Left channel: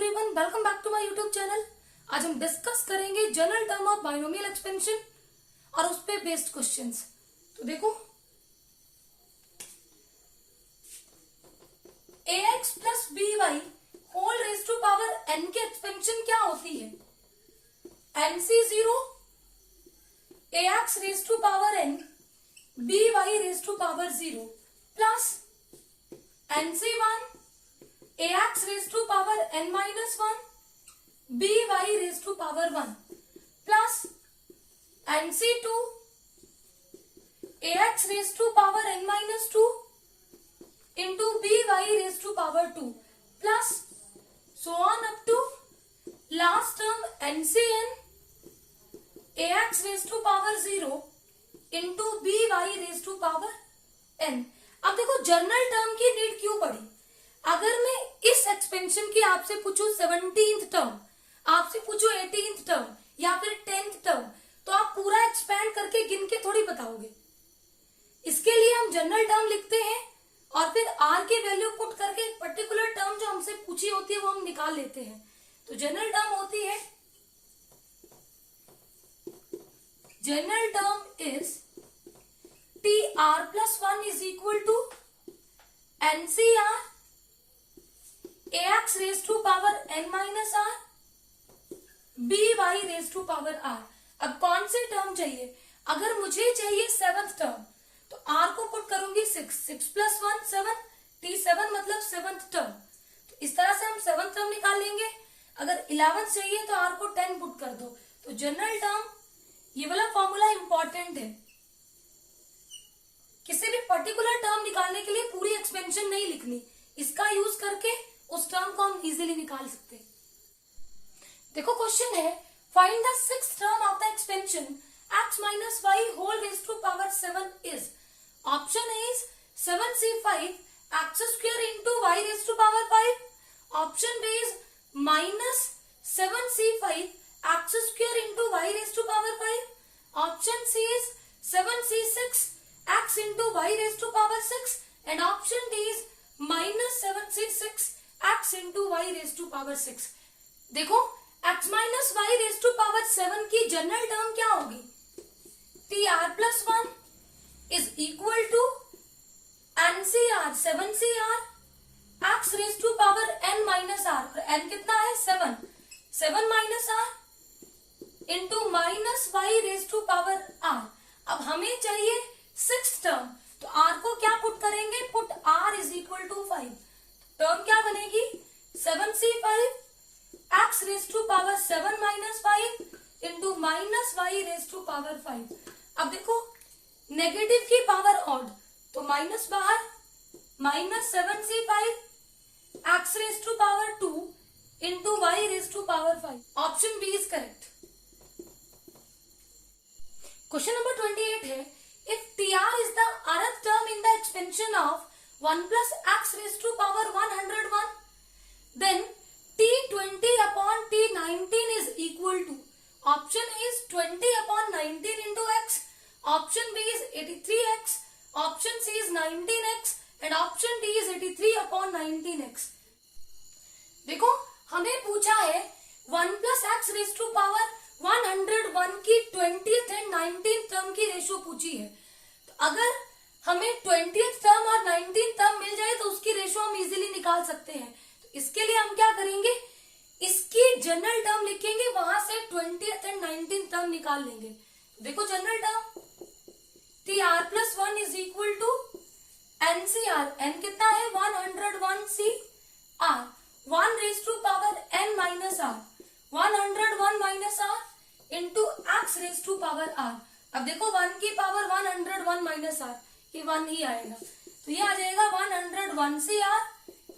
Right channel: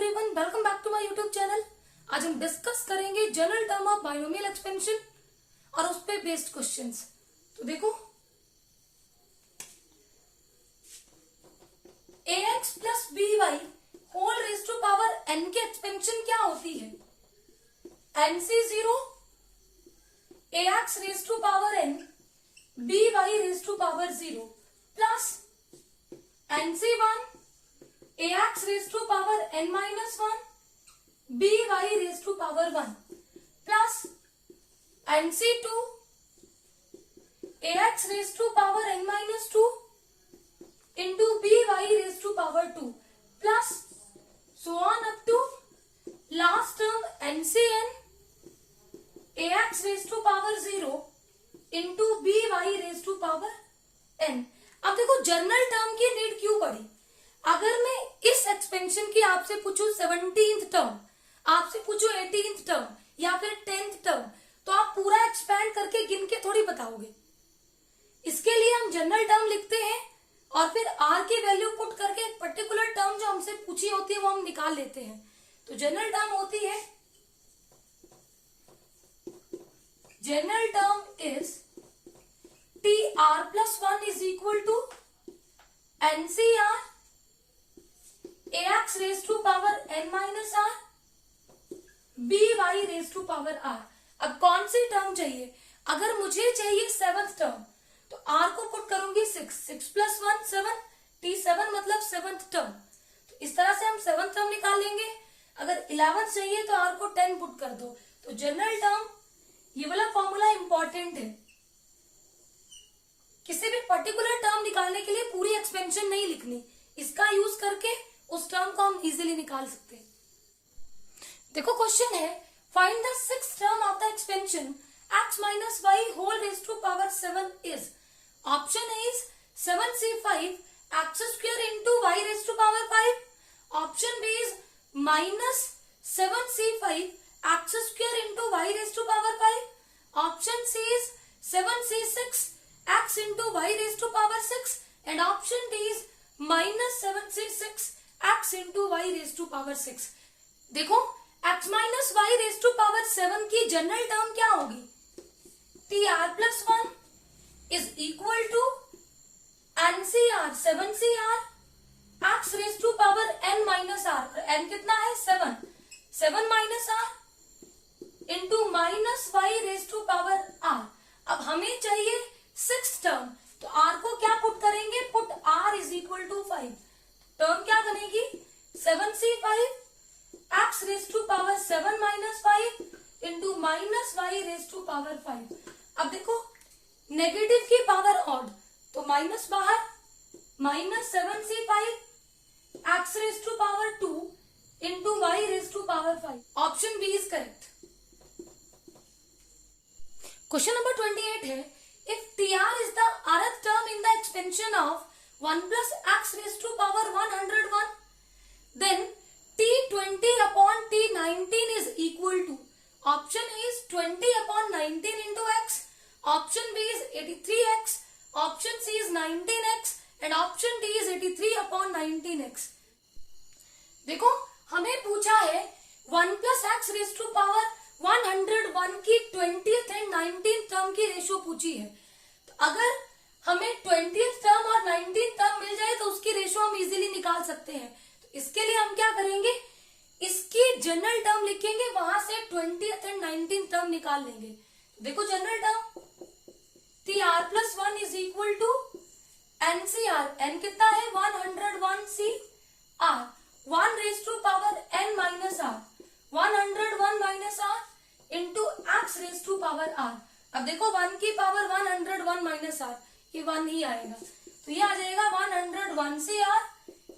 Everyone, welcome back to my YouTube channel. आज हम discuss करेंगे general term of binomial expansion और उस पे बेस्ड क्वेश्चंस। तो देखो, ax plus by whole raise to power n की एक्सपेंशन क्या होती है? nc0 ax raise to power n by raise to power 0 plus nc1 ax raised to power n minus 1 by raised to power 1 plus nc2 ax raised to power n minus 2 into by raised to power 2 plus so on up to last term ncn ax raised to power 0 into by raised to power n। अब देखो, general term की need क्यों पड़ी? अगर मैं इस expansion की आपसे पूछूं 17th टर्म, आपसे पूछूं 18th टर्म या फिर 10th टर्म, तो आप पूरा एक्सपैंड करके गिन के थोड़ी बताओगे। इसके लिए हम जनरल टर्म लिखते हैं और फिर आर की वैल्यू पुट करके पर्टिकुलर टर्म जो हमसे पूछी होती है वो हम निकाल लेते हैं। तो जनरल टर्म होती है, general term is T R plus 1 is equal to NCR ax raised to power n minus r by raised to power r। अब कौन सी टर्म चाहिए? अगर मुझे चाहिए 7th टर्म तो r को पुट करूंगी 6 प्लस 1 7, t7 मतलब 7th टर्म। तो इस तरह से हम 7th टर्म निकाल लेंगे। अगर 11th चाहिए तो r को 10 पुट कर दो। तो जनरल टर्म, ये वाला फॉर्मूला इंपॉर्टेंट है। किसी भी पर्टिकुलर टर्म निकालने के लिए पूरी एक्सपेंशन नहीं लिखनी, इसका यूज करके उस टर्म को हम इजीली निकाल सकते हैं। देखो, क्वेश्चन है find the 6th term of the expansion x minus y whole raise to power 7 is. Option is 7c5 x square into y raise to power 5। Option B is minus 7c5 x square into y raise to power 5। Option C is 7c6 x into y raise to power 6 and option D is minus 7c6 x into Y raise to power 6। देखो, x minus Y raise to power 7 की general term क्या होगी? T R plus 1 is equal to NCR 7cr x raise to power n minus R. n कितना है? 7 minus R into minus Y raise to power r। अब हमें चाहिए 6th term, तो r को क्या पुट करेंगे? Put r is equal to 5। Term क्या बनेगी? 7c5 x raise to power 7 minus 5 into minus Y raise to power 5। अब देखो, नेगेटिव की पावर ऑड, तो माइनस बाहर, minus 7c5 x raise to power 2 into Y raise to power 5। Option B is correct. Question number 28 है, if tr is the rth term in the expansion of 1 plus x raised to power 101, then t20 upon t19 is equal to। option is 20 upon 19 into x, option B is 83x, option C is 19x and option D is 83 upon 19x। देखो, हमें पूछा है 1 plus x raised to power 101 की 20th and 19th term की ratio पूछी है। तो अगर हमें 20th टर्म और 19th टर्म मिल जाए तो उसकी रेशियो हम इजीली निकाल सकते हैं। तो इसके लिए हम क्या करेंगे? इसकी जनरल टर्म लिखेंगे, वहां से 20th एंड 19th टर्म निकाल लेंगे। देखो, general term T R plus 1 is equal to NCR. N कितना है? 101cr 1 raise to power n minus R 101 minus R into X raise to power R. अब देखो, 1 की पावर 101 माइनस आर, ये 1 ही आएगा, तो ये आ जाएगा 101cr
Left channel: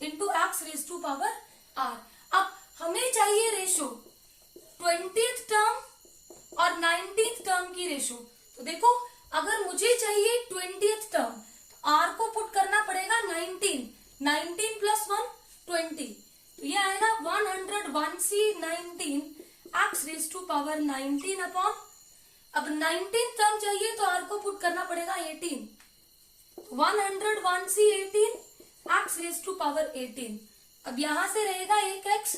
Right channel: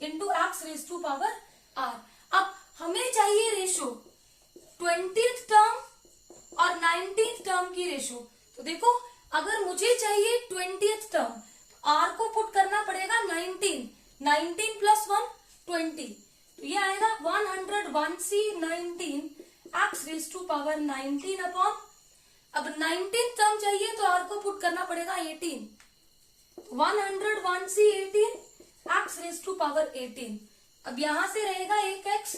into X raise to power R. अब हमें चाहिए रेशो 20th टर्म और 19th टर्म की रेशो। तो देखो, अगर मुझे चाहिए 20th टर्म तो आर को पुट करना पड़ेगा 19 प्लस 1 20, तो ये आएगा 101c19 X raise to power 19 upon, अब 19th टर्म चाहिए तो आर को पुट करना पड़ेगा 18, 101c18 x raise to power 18। अब यहां से रहेगा एक एक्स,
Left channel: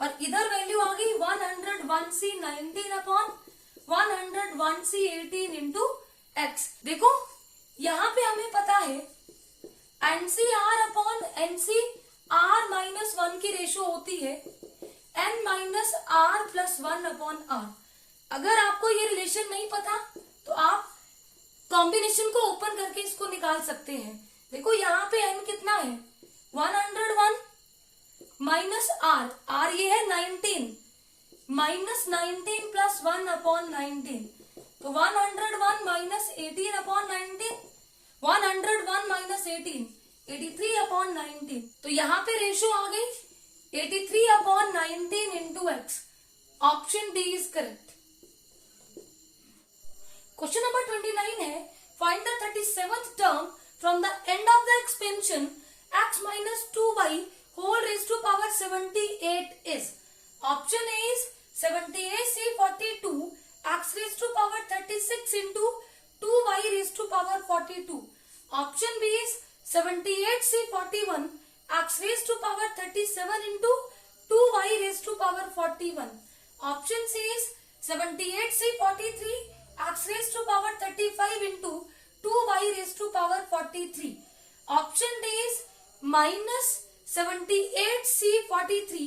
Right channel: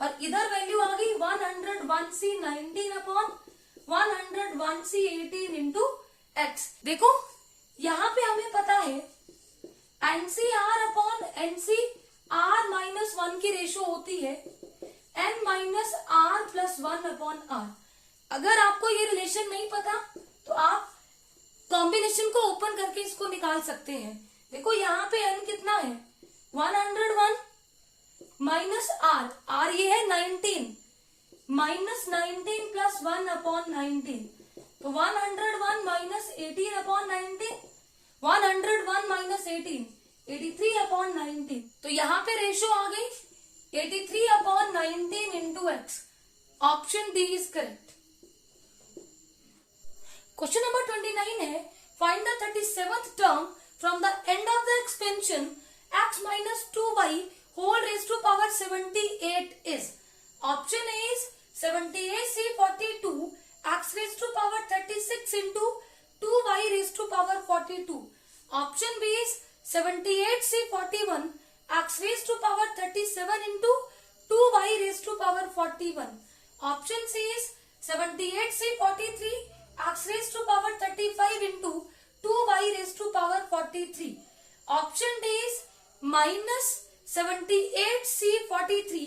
और इधर वैल्यू आ गई 101c 19 upon 101c 18 into x. देखो यहां पे हमें पता है एनसीआर अपॉन एनसीआर माइनस 1 की रेशो होती है n minus R plus 1 upon R. अगर आपको ये रिलेशन नहीं पता तो आप कॉम्बिनेशन को ओपन करके इसको निकाल सकते हैं। देखो यहाँ पे n कितना है 101 माइनस आर, आर ये है 19 माइनस 19 प्लस 1 अपॉन 19, तो 101 माइनस 18 अपॉन 19, 101 माइनस 18 83 अपॉन 19। तो यहाँ पे रेशो आ गई 83 upon 19 into x. Option D is correct. Question number 29 है find the 37th term from the end of the expansion x minus 2y whole raised to power 78 is. Option A is 78c 42 x raised to power 36 into 2y raised to power 42. Option B is 78c 41 x raised to power 37 into 2y raised to power 41. Option C is 78c 43 x raised to power 35 into 2y raised to power 43. Option D is minus 78c 43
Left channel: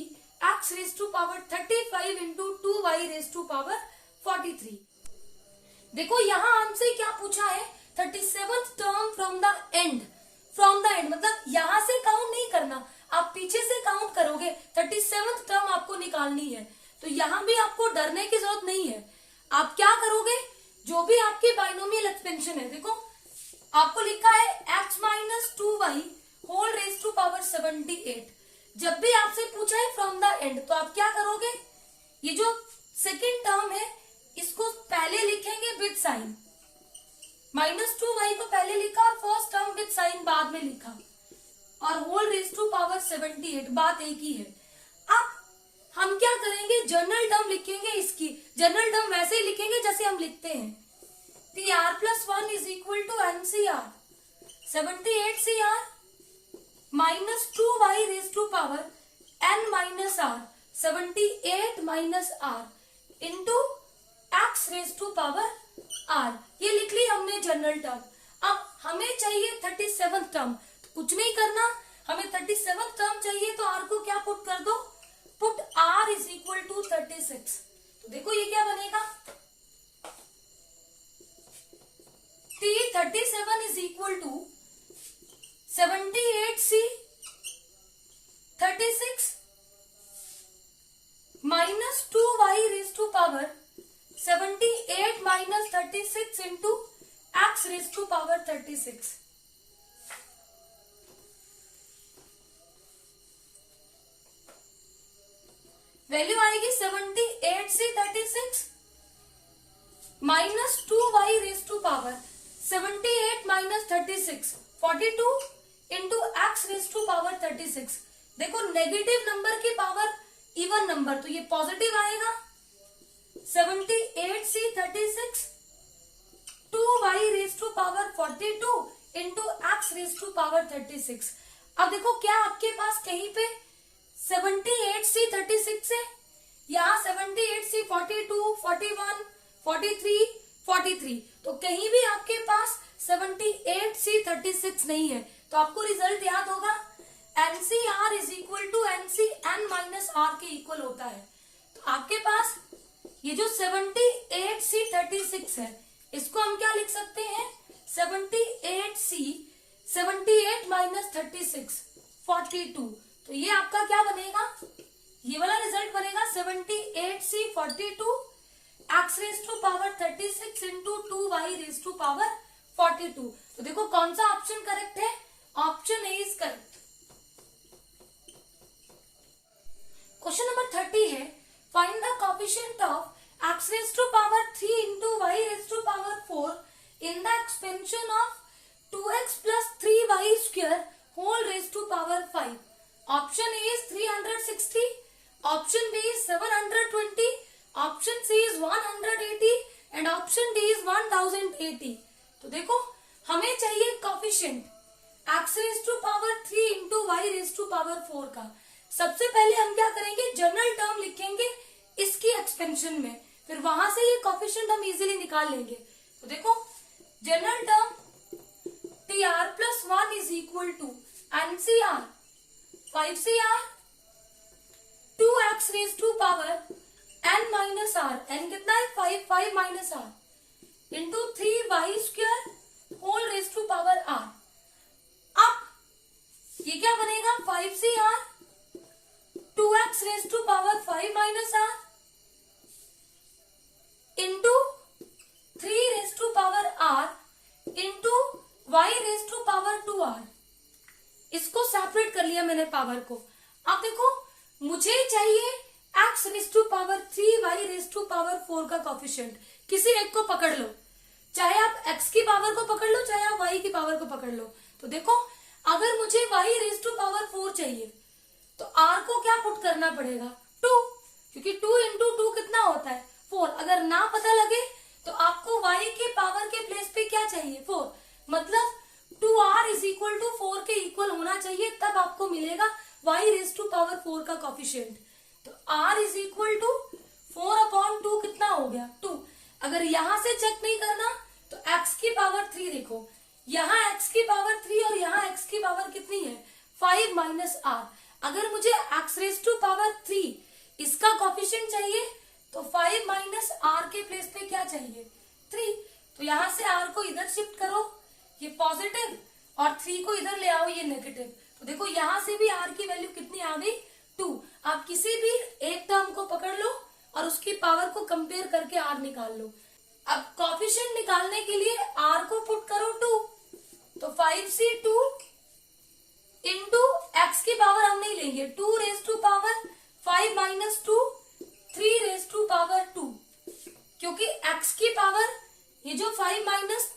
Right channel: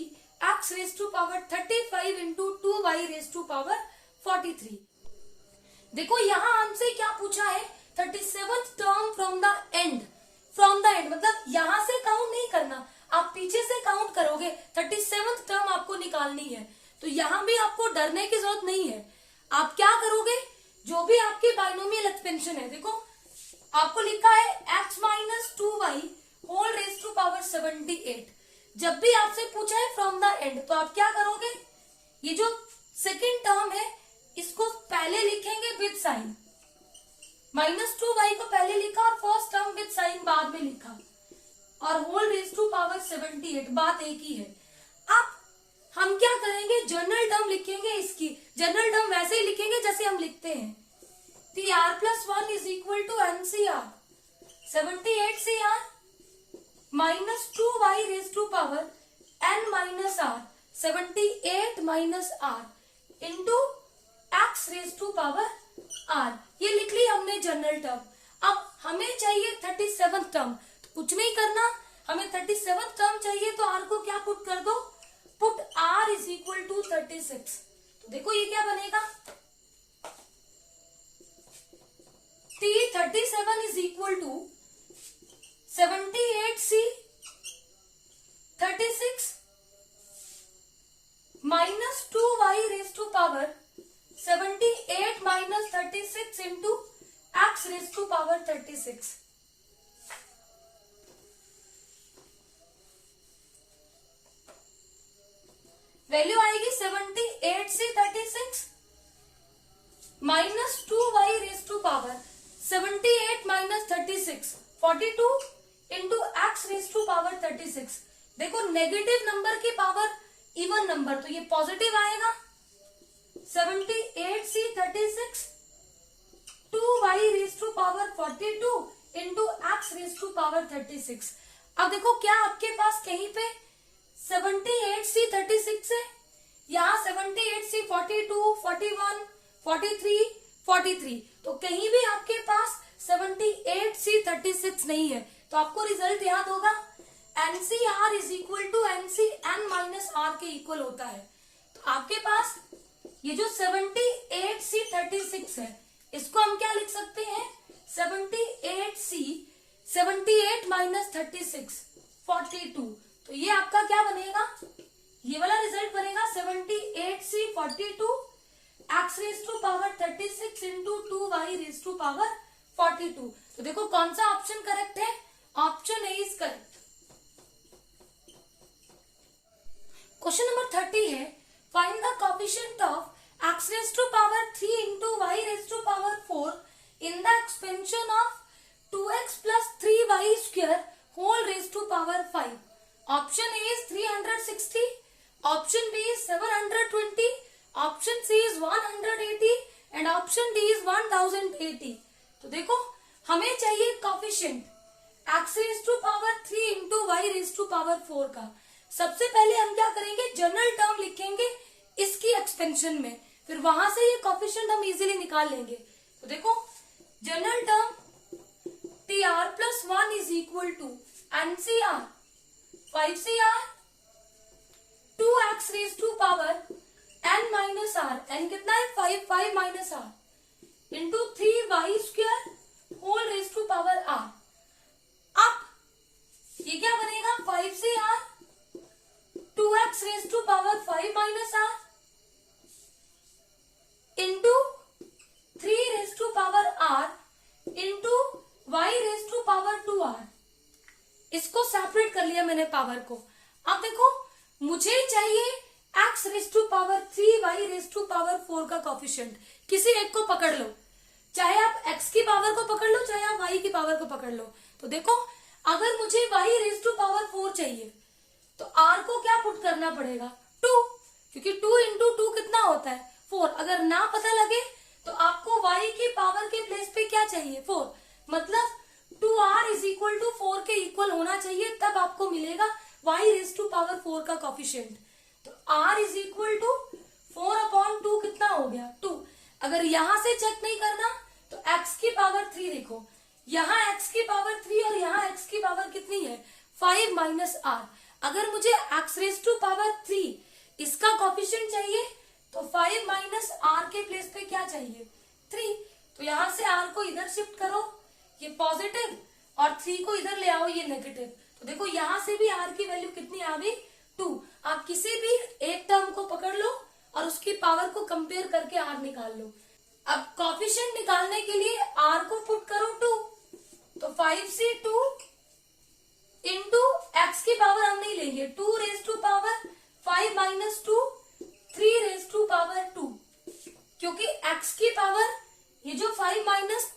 x raised to power 35 into 2y raised to power 43. देखो यहाँ हमसे क्या पूछा है 37th term from the end. From the end मतलब यहाँ से count नहीं करना, आप पीछे से काउंट करोगे। 37th टर्म आपको निकालनी है, तो यहाँ भी आपको डरने की जरूरत नहीं है। आप क्या करोगे, जो भी आपकी बाइनोमियल एक्सपेंशन है, देखो आपको लिखा है x minus 2y whole raise to power 78। जब भी आपसे पूछा है फ्रॉम द एंड तो आप क्या करोगे, ये जो सेकेंड टर्म है इसको पहले लिखेंगे विद साइन, माइनस 2y को पहले लिखा और फर्स्ट टर्म विद साइन बाद में लिखा, और होल रेज टू पावर 78, बात एक ही है। अब हम क्या करेंगे, जनरल टर्म लिखेंगे। इसकी जनरल टर्म वैसे ही लिखेंगे जैसे हम लिखते हैं, PR plus 1 is equal to NCR 78CR minus 2y raise to power n minus R 78 minus R into X raise to power r। ये लिख ली हमने जनरल टर्म। अब हमें चाहिए 37th टर्म, कुछ नहीं करना, हमें 37th टर्म चाहिए तो r को क्या पुट कर दो, put r is equal to 36। तो देखो ये क्या बनेगा, T37 is equal to 78C 36 minus 2y raised to power 78 minus 36 into x raised to power 36। Value आएगी 78C 36 minus 2y raise to power 78 minus 36 42 into X raise to power 36। देखो negative number की power even number, तो ये positive आएगा 78C 36 2y raise to power 42 into X raise to power 36। अब देखो क्या आपके पास कहीं पे 78C 36 है, यहाँ 78C 42 41 43 43, तो कहीं भी आपके पास 78C 36 नहीं है, तो आपको रिजल्ट याद होगा NCR is equal to NCN minus R के इक्वल होता है। तो आपके पास ये जो 78C 36 है, इसको हम क्या लिख सकते हैं, 78C 78 माइनस 36 42, तो ये आपका क्या बनेगा, ये वाला रिजल्ट बनेगा 78C 42 x raise to power 36 into 2y raise to power 42। तो देखो कौन सा ऑप्शन करेक्ट है, option A is correct. Question number 30 है find the coefficient of x raise to power 3 into y raise to power 4 in the expansion of 2x plus 3y square whole raise to power 5। Option A is 360, option B is 720, option C is 180 and option D is 1080। तो देखो हमें चाहिए coefficient x raise to power 3 into y raise to power 4 का। सबसे पहले हम क्या करेंगे, जनरल टर्म लिखेंगे इसकी एक्सपेंशन में, फिर वहां से ये कोफिशिएंट हम इजीली निकाल लेंगे। तो देखो general term TR+1 is equal to NCR 5CR 2x raise to power n minus R, n कितना है 5, 5 minus R into 3y² whole raise to power r। अब ये क्या बनेगा 5CR 2x raise to power 5 minus R into 3 raise to power r into y raise to power 2r। इसको separate कर लिया मैंने पावर को। अब देखो मुझे चाहिए x raise to power 3 y raise to power 4 का कोफिशिएंट। किसी एक को पकड़ लो, चाहे आप x की पावर को पकड़ लो चाहे आप y की पावर को पकड़ लो। तो देखो अगर मुझे y रेज टू पावर 4 चाहिए तो r को क्या पुट करना पड़ेगा 2, क्योंकि 2 इंटू 2 कितना होता है 4। अगर ना पता लगे तो आपको y के पावर के प्लेस पे क्या चाहिए 4, मतलब 2r इज इक्वल टू 4 के इक्वल होना चाहिए, तब आपको मिलेगा y रेज टू पावर 4 का कोफिशिएंट। तो r इज इक्वल टू 4/2 कितना हो गया 2। अगर यहां से चेक नहीं करना तो x की पावर 3 देखो, यहाँ x की पावर 3 और यहाँ x की पावर कितनी है 5 माइनस r। अगर मुझे x रेज टू पावर 3 इसका कोफिशिएंट चाहिए तो 5 माइनस r के प्लेस पे क्या चाहिए 3। तो यहां से r को इधर शिफ्ट करो, ये पॉजिटिव, और 3 को इधर ले आओ ये नेगेटिव। तो देखो यहां से भी r की वैल्यू कितनी आ गई 2। आप किसी भी एक टर्म को पकड़ लो और उसकी पावर को कंपेयर करके r निकाल लो। अब कोफिशिएंट निकालने के लिए r को पुट करो 2, तो 5c2 इंटू x की पावर हम नहीं लेंगे 2 raise to power 5 minus 2 3 raise to power 2, क्योंकि x की पावर ये जो 5 माइनस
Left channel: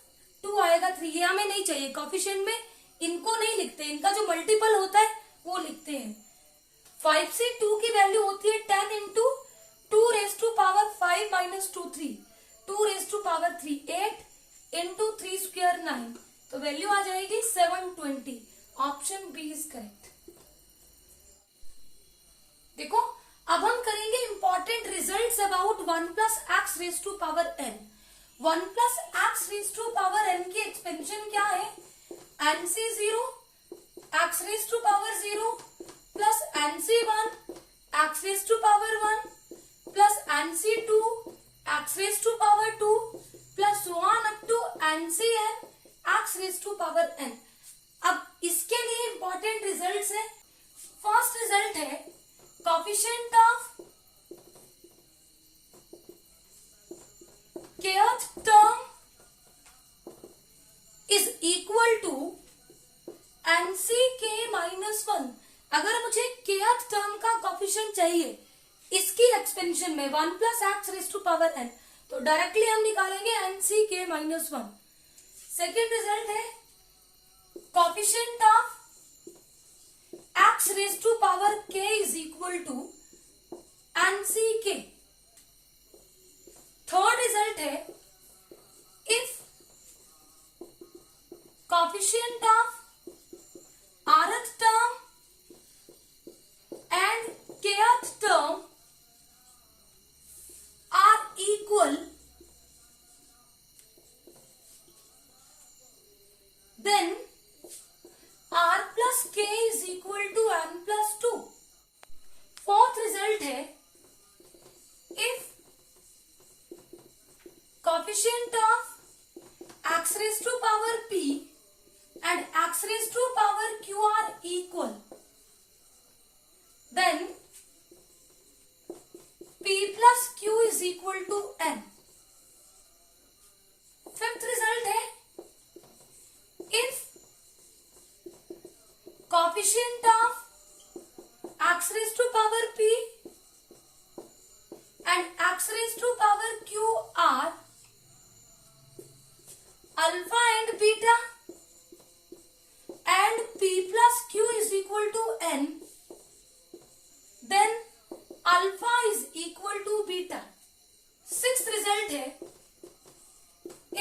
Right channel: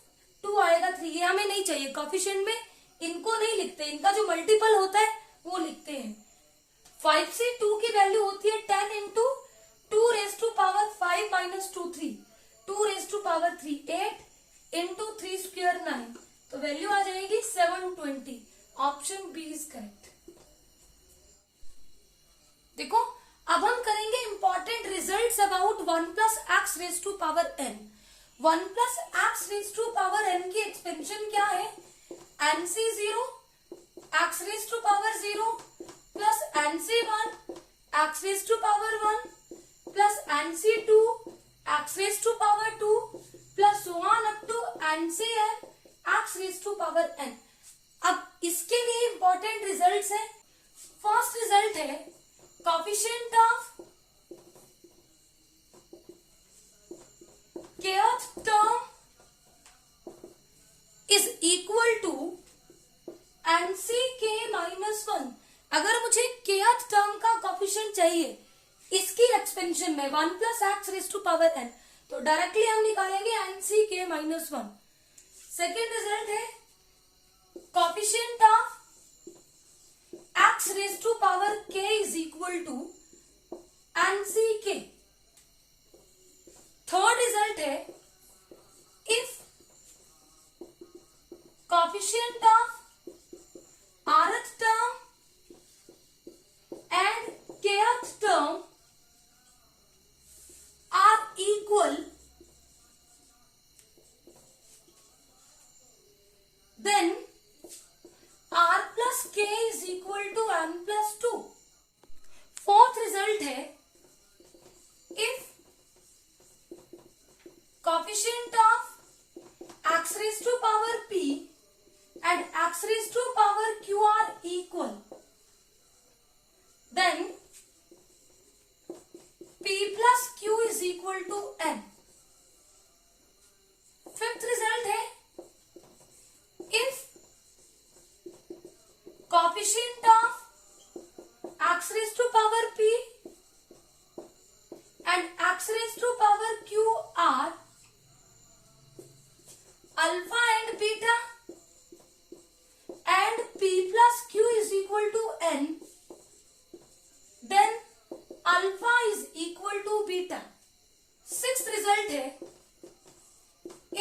2 आएगा 3, ये हमें नहीं चाहिए कोफिशिएंट में, इनको नहीं लिखते, इनका जो मल्टीपल होता है वो लिखते हैं। 5 से 2 की वैल्यू होती है 10 into 2 raise to power 5 minus 2 3, 2 raise to power 3 8 into 3 square 9, तो वैल्यू आ जाएगी 720। Option B is correct. देखो अब हम करेंगे important results about 1 plus x raise to power n। 1 plus x raise to power n की एक्सपेंशन क्या है nc0 x raise to power 0 plus nc1 x raise to power 1 plus nc2 x raise to power 2 plus so on up to ncn x raise to power n। अब इसके लिए important results है। First result है coefficient of kth term is equal to nck minus 1। अगर मुझे kth term का coefficient चाहिए इसकी एक्सपेंशन में 1 plus x raise to power n, तो डायरेक्टली हम निकालेंगे nck माइनस 1। सेकेंड रिजल्ट है coefficient of x raise to power k is equal to nck। Third result है if coefficient of rth term and kth term are equal, then r plus k is equal to n plus 2। Fourth result है if coefficient of x raised to power p and x raised to power q are equal, then p plus q is equal to n। Fifth result है if coefficient of x raised to power p and x raised to power q are alpha and beta and p plus q is equal to n, then alpha is equal to beta। Sixth result है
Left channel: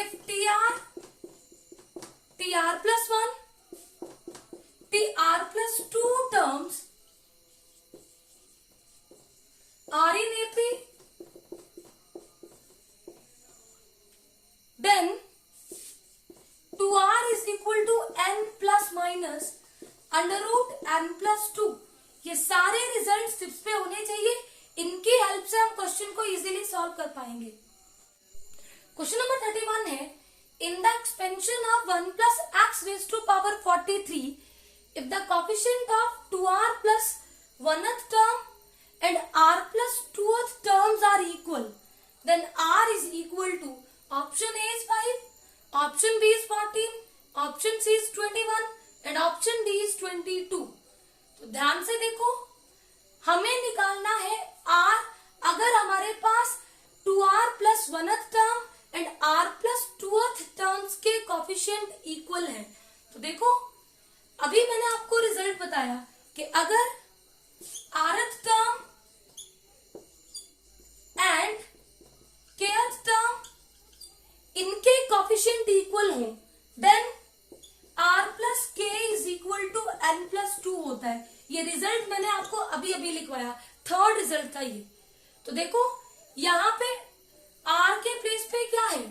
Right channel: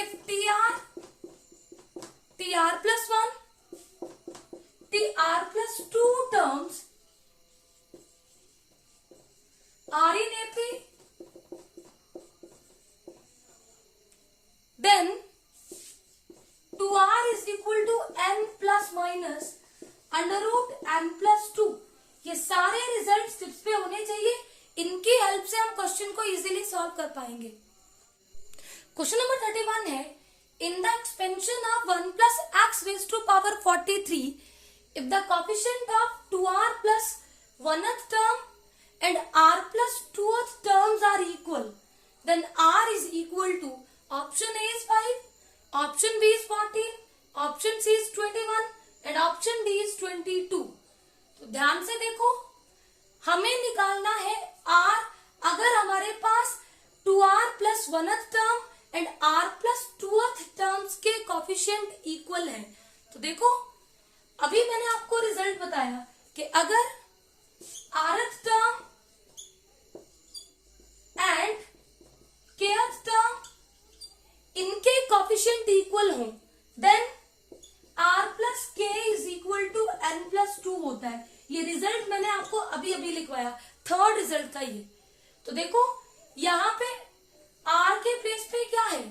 if tr plus 1 tr plus 2 terms R in AP, then 2R is equal to n plus minus under root n plus 2। ये सारे result tips पे होने चाहिए, इनकी help से हम question को इजीली सॉल्व कर पाएंगे। क्वेश्चन नंबर 31 है, in the expansion of 1 plus x raise to power 43 if the coefficient of 2r प्लस 1th टर्म एंड r प्लस 2th terms are equal, then r is equal to option A is 5, option B is 14, option C is 21 and option D is 22। तो ध्यान से देखो, हमें निकालना है r अगर हमारे पास 2r प्लस 1th टर्म एंड r प्लस 2th टर्म्स के कोएफिशिएंट इक्वल है। तो देखो, अभी मैंने आपको रिजल्ट बताया कि अगर rth term and kth term इनके कोएफिशिएंट इक्वल हो, then r plus k is equal to n plus 2 होता है। ये रिजल्ट मैंने आपको अभी अभी लिखवाया, थर्ड रिजल्ट था ये। तो देखो, यहां पे r के प्लेस पे क्या है,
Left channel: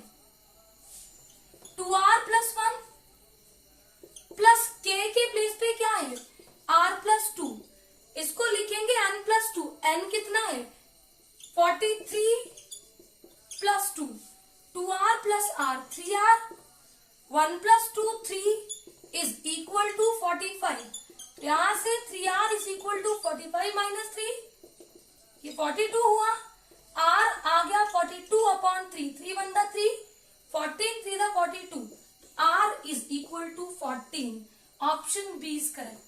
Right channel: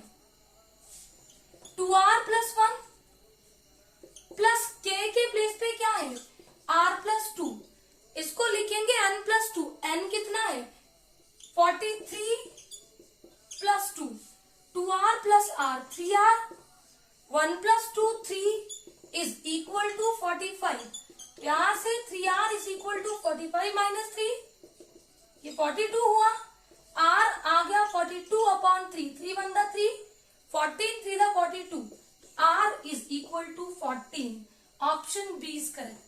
2r प्लस 1 प्लस k के प्लेस पे क्या है, r प्लस 2। इसको लिखेंगे n प्लस 2। n कितना है, 43 plus 2, 2r plus r 3r, 1 plus 2 3 is equal to 45। यहां से 3r is equal to 45 minus 3, ये 42 हुआ, r आ गया 42 अपॉन 3, 3 वन दा 3, 14 3 दा 42, r is equal to 14। Option B is correct.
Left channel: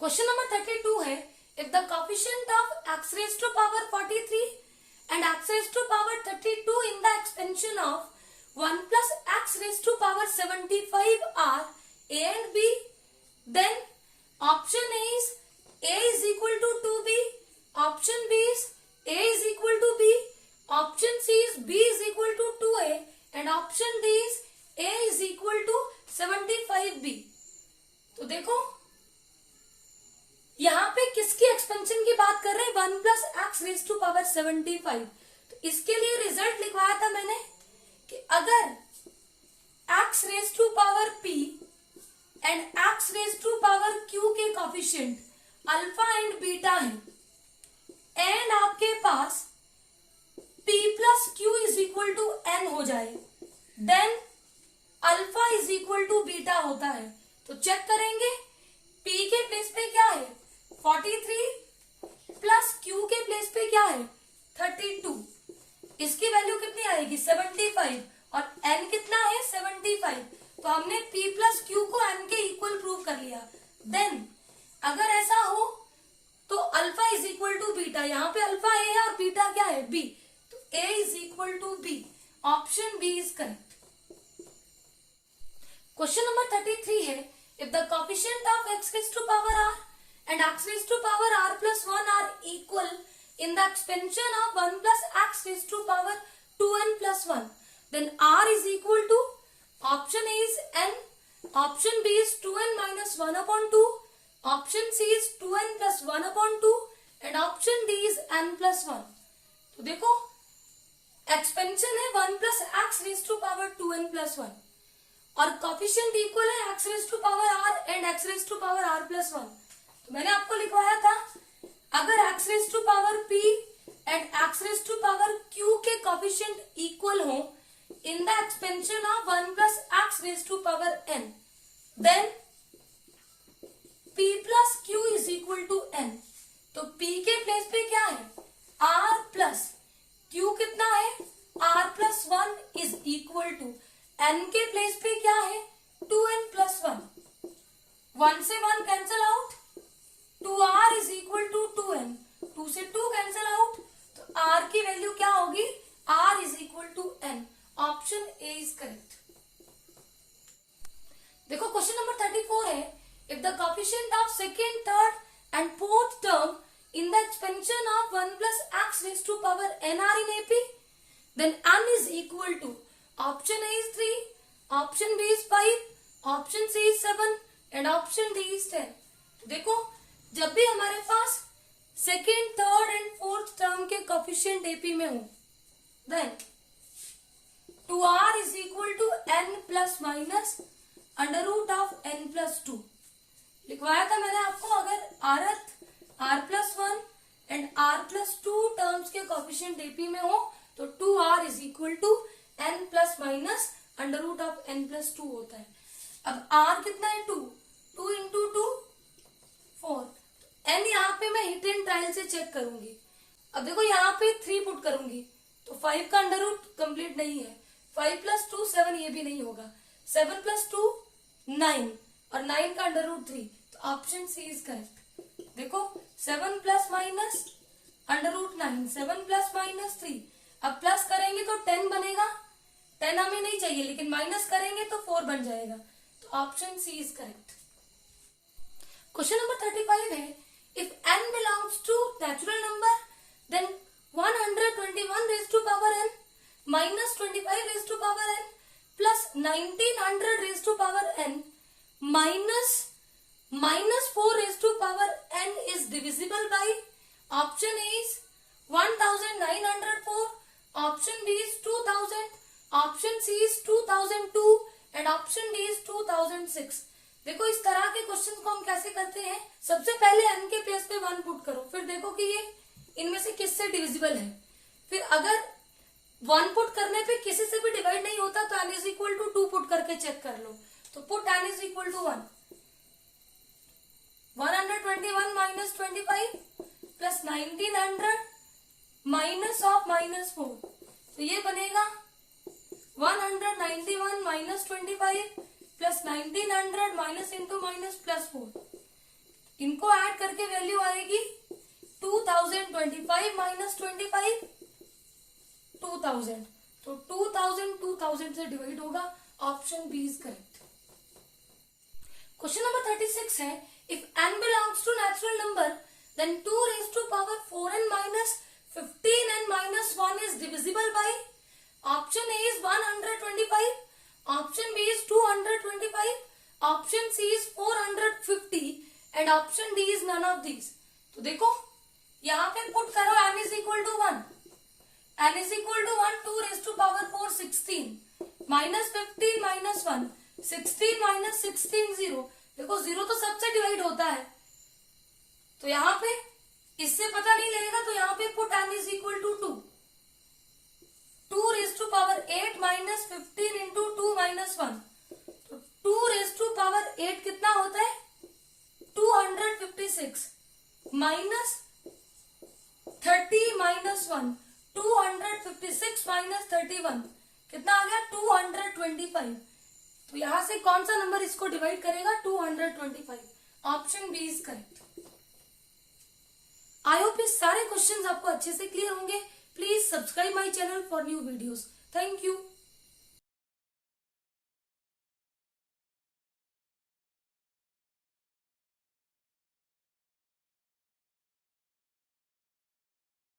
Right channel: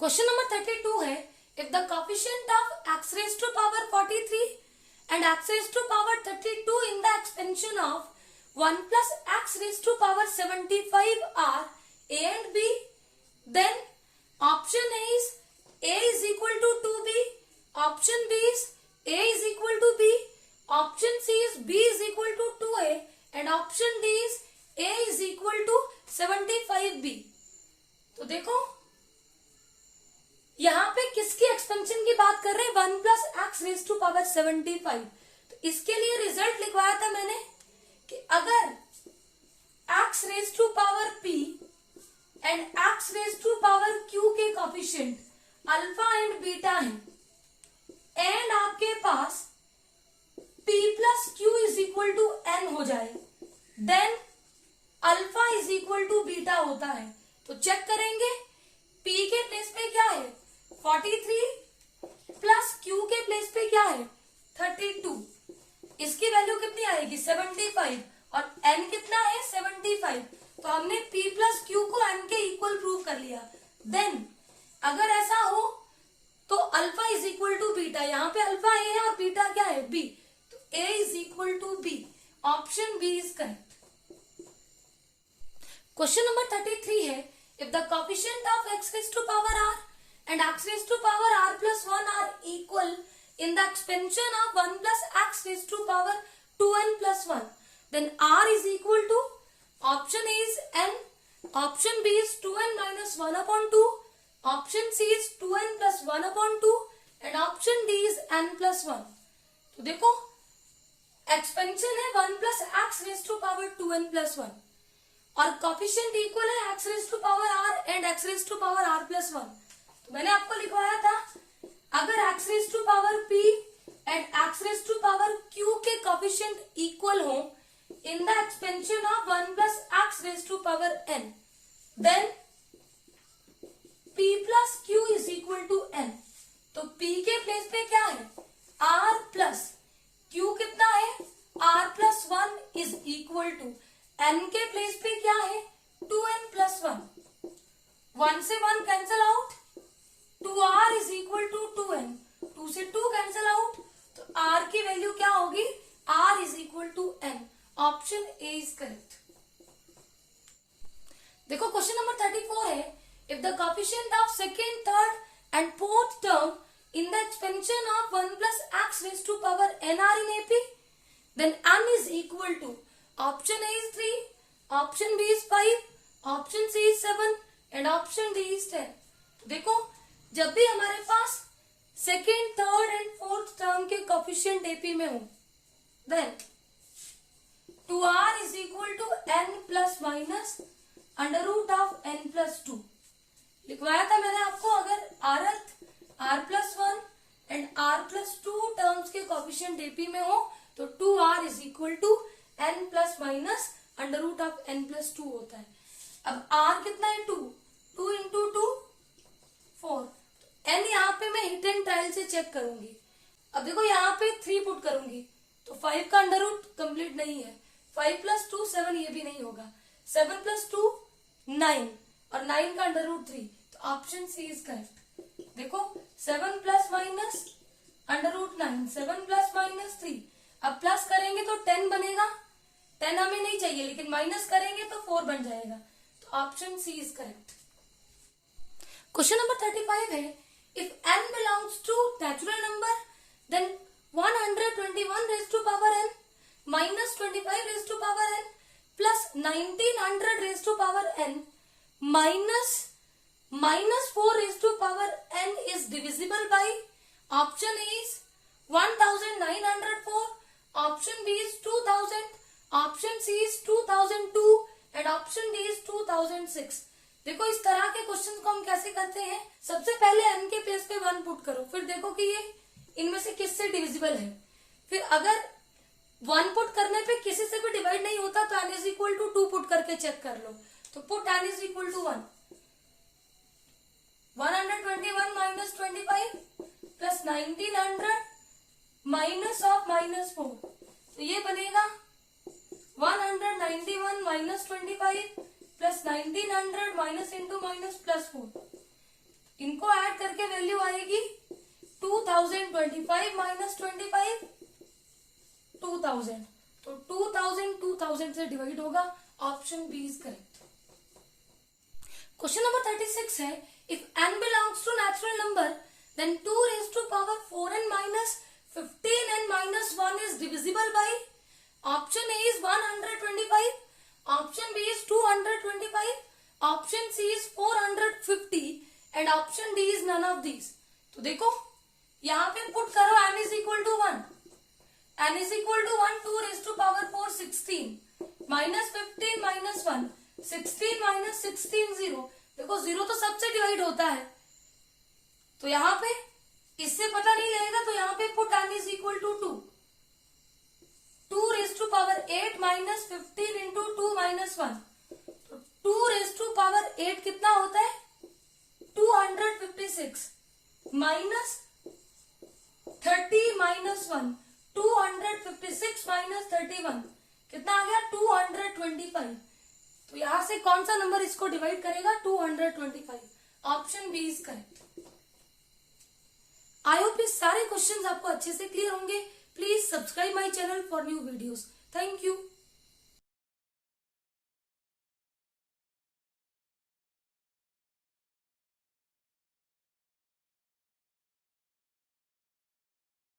Question number 32 है, if the coefficient of x raise to power 43 and x raise to power 32 in the expansion of 1 plus x raised to power 75 are a and b, then option A is a is equal to 2b, option B is a is equal to b, option C is b is equal to 2a and option D is a is equal to 75b। तो देखो, यहां पे किसकी expansion की बात कर रहे हैं, 1 plus x raised to power 75। तो इसके लिए रिजल्ट लिखवाया था मैंने कि अगर x raise to power p and x raise to power q के कोएफिशिएंट अल्फा एंड बीटा है एंड आपके पास p plus q is equal to n हो जाए, then alpha is equal to beta होता है। तो चेक करेंगे, p के प्लेस पे क्या है, 43 प्लस q के प्लेस पे क्या है, 32। इसकी वैल्यू कितनी आएगी, 75, और n कितना है, 75। तो हमने p प्लस क्यू को n के इक्वल प्रूव कर लिया। देन अगर ऐसा हो तो alpha is equal to beta, यहाँ पे अल्फा a है और बीटा क्या है, b, तो a is equal to b। Option B is correct. Question number 33 है, if the coefficient of x raise to power r and x raise to power r plus 1 are equal in the expansion of 1 plus x raised to power 2n plus 1, then r is equal to, option A is n, option B is 2n minus 1 upon 2, option C is 2n plus 1 upon 2 and option D is n plus 1। तो देखो, expansion है 1 plus x raised to power 2n plus 1 और coefficient equal है x raised to power r and x raised to power r plus 1। तो मैंने आपको लिखवाया था, अगर x raise to power p and x raise to power q के coefficient equal हो in the expansion of 1 plus x raise to power n, then p plus q is equal to n। तो p के place पे क्या है, r plus q कितना है, r plus 1 is equal to n के place पे क्या है, 2n प्लस 1। 1 से 1 cancel out, 2r is equal to 2n, 2 से 2 कैंसल आउट, तो r की वैल्यू क्या होगी, r is equal to n। Option A is correct. देखो, क्वेश्चन नंबर 34 है, if the coefficient of second, third and fourth term in the expansion of 1 plus x raise to power n are in AP, then n is equal to, option A is 3, option B is 5, option C is 7 and option D is 10। देखो, जब भी हमारे पास second, third and fourth term coefficient AP में हो, then 2r is equal to n plus minus under root of n plus 2 लिखवाया था मैंने आपको। अगर r plus 1 and r plus 2 terms के कोफिशिएंट एपी में हो तो 2r is equal to n plus minus under root of n plus 2 होता है। अब r कितना है 2 इंटू 2 4, n यहाँ पे मैं हिट एंड ट्रायल से चेक करूंगी। अब देखो यहाँ पे 3 पुट करूंगी तो 5 का अंडर रूट कंप्लीट नहीं है, 5 प्लस 2 7 ये भी नहीं होगा, 7 प्लस 2 9 और 9 का अंडर रूट 3, तो ऑप्शन सी इज करेक्ट। देखो 7 plus minus under root 9, 7 plus minus 3, अब प्लस करेंगे तो 10 बनेगा, 10 हमें नहीं चाहिए लेकिन माइनस करेंगे तो 4 बन जाएगा, तो option C is correct. Question number 35 है, if n belongs to natural number then 121 raise to power n minus 25 raise to power n plus 1900 raise to power n minus 4 raise to power n is divisible by, option A is 1904, option B is 2000, option C is 2002 and option D is 2006। देखो इस तरह के question को हम कैसे करते हैं, सबसे पहले n के प्लेस पे 1 पुट करो, फिर देखो कि ये इनमें से किससे डिविजिबल है, फिर अगर 1 पुट करने पे किसी से भी डिवाइड नहीं होता तो n is equal to 2 put करके चेक कर लो, तो put n is equal to 1, 121 minus 25 plus 1900 minus of minus 4, तो ये बनेगा 191 minus 25 plus 1900 minus into minus plus 4, इनको ऐड करके वैल्यू आएगी 2025 माइनस 25 2000, तो 2000 से डिवाइड होगा, option B is correct. Question number 36 है, if n belongs to natural number then 2 raise to power 4n minus 15n minus 1 is divisible by, option A is 125, option B is 225, option C is 450 and option D is none of these. तो देखो यहाँ पे put करो n is equal to 1, n is equal to 1, 2 raise to power 4 16 minus 15 minus 1, 16 minus 16 0, देखो 0 तो सबसे divide होता है, तो यहाँ पे इससे पता नहीं लगेगा, तो यहाँ पे put n is equal to 2 raise to power 8 minus 15 into 2 minus 1, तो 2 रेज टू पावर 8 कितना होता है 256 माइनस 30 माइनस 1, 256 माइनस 31 कितना आ गया 225, तो यहां से कौन सा नंबर इसको डिवाइड करेगा 225, option B is correct. I hope इस सारे क्वेश्चंस आपको अच्छे से क्लियर होंगे। Please subscribe my channel for new videos. Thank you.